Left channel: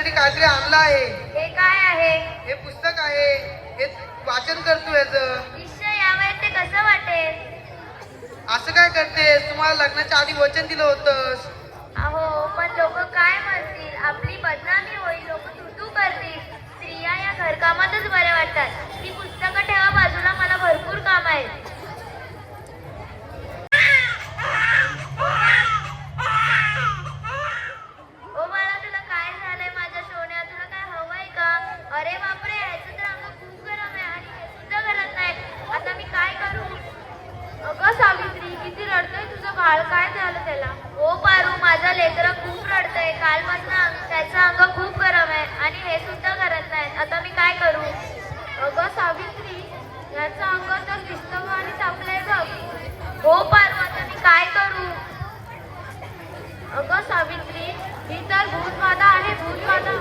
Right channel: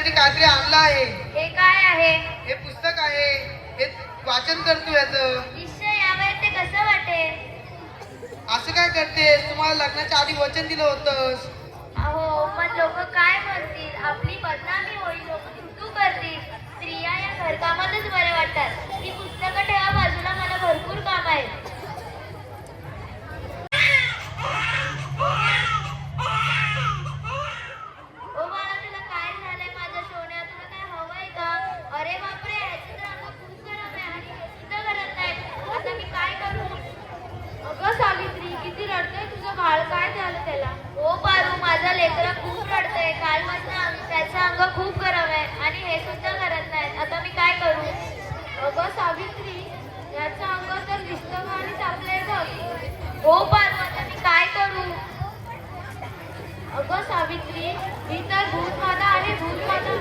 तुझ्यासाठी काहीतरी आणलं आहे. हे काय आहे? हे पुस्तक आहे. हे वाचन करतो याचं. निश्चय यावेळेस ते कसं वाटेल? असं काय करतेस? तुम्हाला लग्नाच्या आधी वचन दिलं होतंस. अहो पण लोक काय म्हणतील? आपली बदनामी होईल, लोक तुटू करतील. स्त्रिया या घरकामातच बरे वाटतात. ती पुस्तकं ठेवा बाजूला, मला भरपूर काम आहे. ओ बाळा, तुला काय झालंय? माझ्या सोन्या, तुला काय हवंय का? अरे बापरे, ह्याचं तर अंग खूप गरम आहे आणि हे सुद्धा करत नाही. आता मी काय करू? अगं सावित्री, किती रडतंय तुझं बाळ? काय झालं त्याला? ओ पारू, माझा लेकरा खूप रडतंय. कालपासून त्याचं अंग खूप गरम आहे आणि हे सुद्धा करत नाही. आता मी काय करू? अगं सावित्री, याचं अंग तर दिसतं आणि तापलंय बघ. हो पारू, आता मी काय करू? अगं सावित्री, ही तर भूतबाधा आहे, भूतबाधा.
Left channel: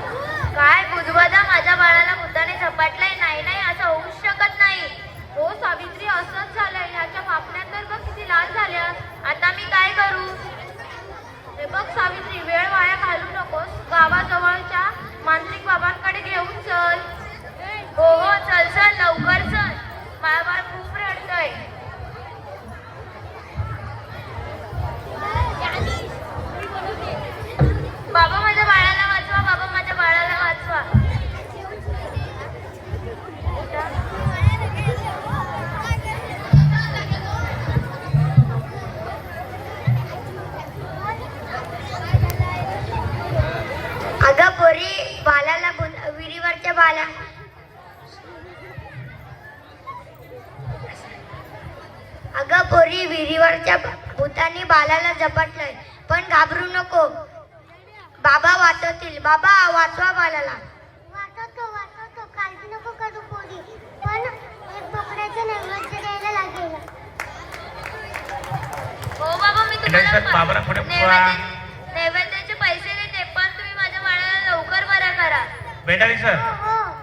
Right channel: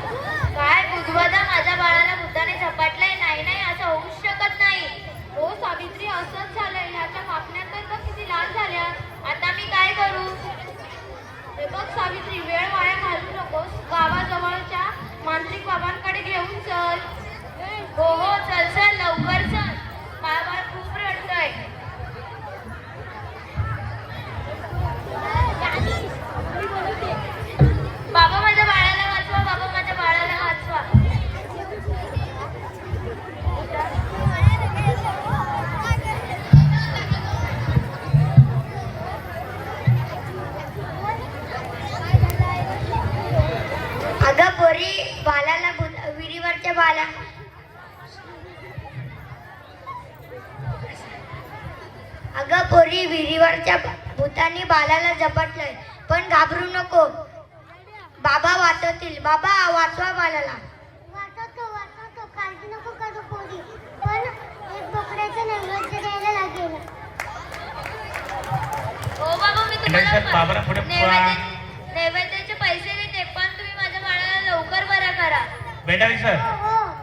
काय भूतबाधा? माझ्या बाळाला भूताने झपाटलंय? नाही नाही, असं होऊच शकत नाही. हो सावित्री, असंच झालंय. ह्याच्या पापण्या तर बघ किती लाल झाल्या. आता मी काय करू? हे बघ सावित्री, वेळ वाया घालू नकोस. गावाजवळच्या मांत्रिक बाबांकडे घेऊन चल. हो हो, चल चल, लवकर चल. माझं बाळ खूप रडतंय. बाबा, माझ्या बाळाला वाचवा. बाबा, माझ्या बाळाला वाचवा. अगं पोरी, बालाला विहिरीवरच्या बाला अगं पोरी, विहिरीवरच्या भूतानी बालाला झपटलंय. पण घाबरू नको, बाबा वाचवतील. बाबा, वाचवा बालाला. वाचवतो, काळजी नको करू पोरी. पण एक बोकड्याचं नैवेद्य द्यायला लागेल. हो बाबा, मी तुम्हाला नैवेद्याचे पैसे देते, पण तुम्ही माझ्या बाळाला लवकर बरा करा. बेटा सर,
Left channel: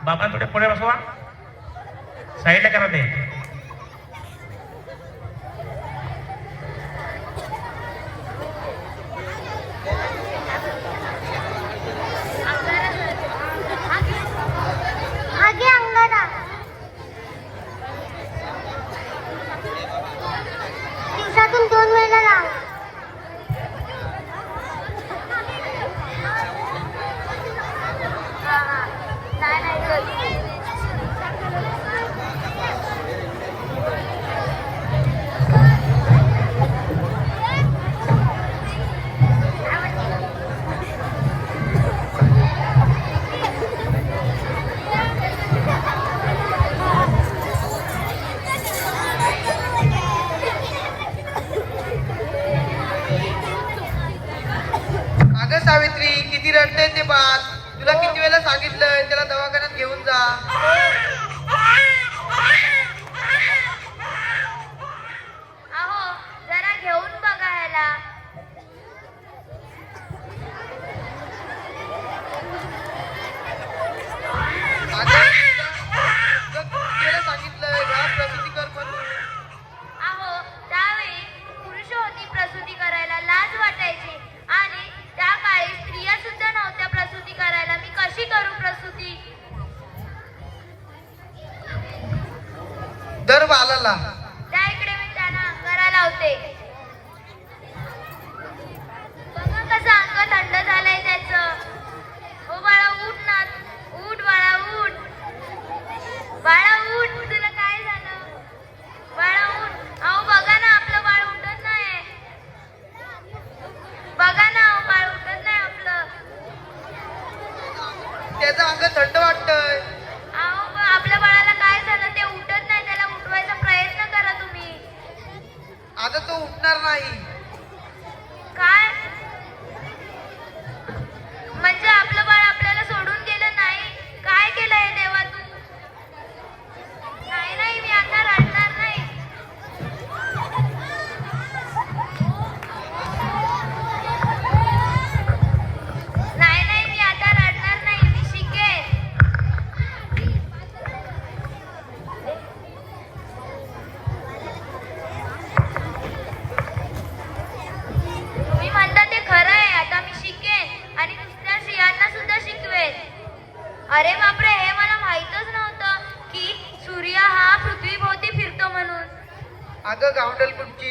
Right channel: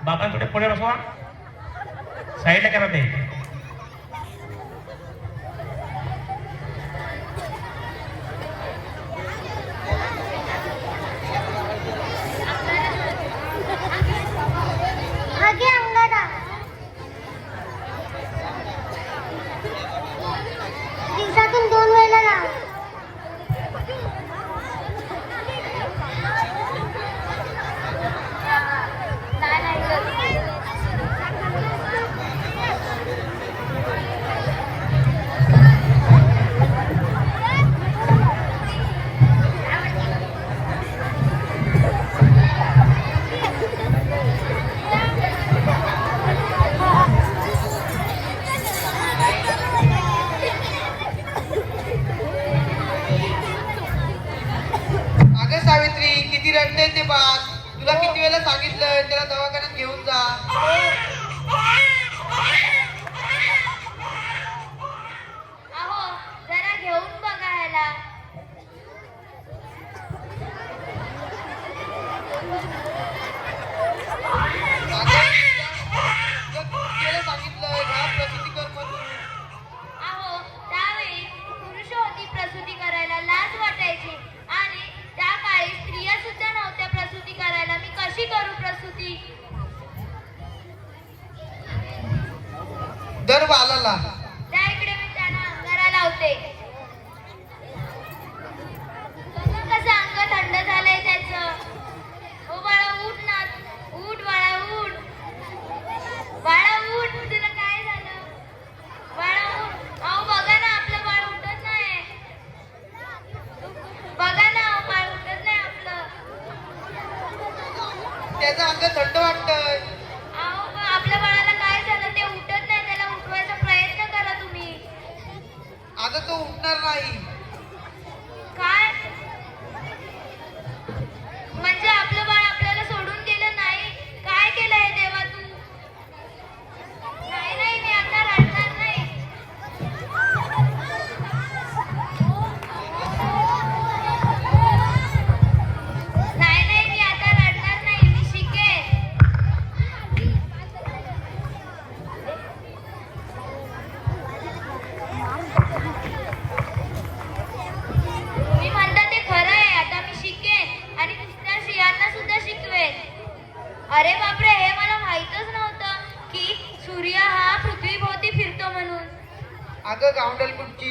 बाबा थोडे पुढे बसवा, साईडला करा ते. आगे अंगारा. दिवसातून 2 वेळेला लाव. अगं सावित्री, किती रडतंय ते बाळ. तुला किती वेळा सांगितलंय त्याला दवाखान्यात घेऊन जा. अहो, जरा घेऊन बघा ह्याला. तुला सांगितलंय घरात प्रसूती कर म्हणून. अहो, त्यावेळी पुरुष होती प्रसूती करायला, लाज वाटायची. आणि त्या काळी स्त्रिया सुद्धा नव्हत्या प्रसूती करायला. मी कशी करू प्रसूती? दर बालाला. त्या इकडे मी त्यांना अंगारा लावते. बघा कसं अंग थंड झालंय त्याचं. ओ बाळा, उठ ना. उठ बाळा, उठ. बाळा उठ, तुला काय झालं? बाळा उठ. अहो बघा ना, आपलं बाळ उठत नाही. बघा ना, अहो बाळ उठत नाही आपलं. त्याचं अंग थंड वाटतंय. अहो आपल्या बाळाला काय झालं? ते उठत नाही. त्याला उठवायचा प्रयत्न करा तुम्ही. आता तो उठणार नाही. काय म्हणजे? आपलं बाळ आपल्याला सोडून गेलं नाही? काय केलंय देवा तू? नाही नाही, मी आता रडणार नाही. नाही नाही, मी आता रडणार नाही. मी शिकेन. अगं गावंडल कुठची,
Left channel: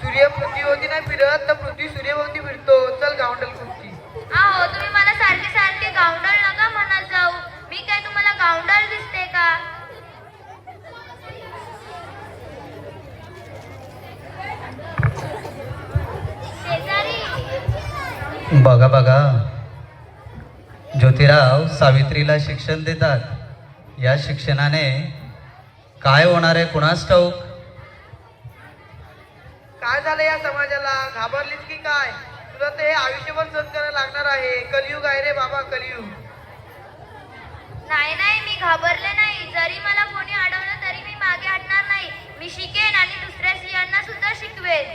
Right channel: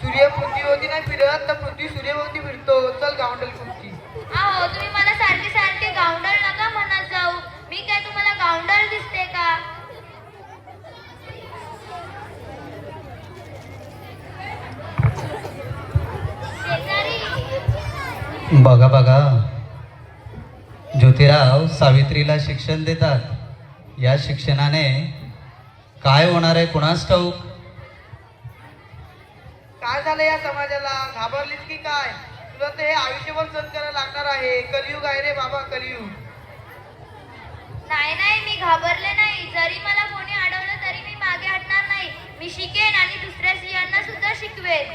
सूर्य पृथ्वीभोवती नाही फिरत तर पृथ्वी सूर्यभोवती फिरतो. चल गावंडल कुठची. अहो तुम्ही मला सारखे सारखे गावंडळ नका म्हणत जाऊ. मी काय तुम्हाला गावंडळ दिसते का? शेजारी बघा बघा, ज्योतिराव सावित्रीला शिक्षण देतात. या शिक्षणाने काय होणार आहे कुणास ठाऊक. काय झालं या समाजाला, घाबरलीस की काय? तुला तर हे आयुष्यभर सहन करायला लागणार आहे. कलियुग आहे रे बाबा, कलियुग. नाही नाही, मी घाबरले नाही. जरी मला कोणी अडवलं तरी मी मागे हटणार नाही. मी शिकेन आणि दुसऱ्या स्त्रियांना सुद्धा शिकवेन.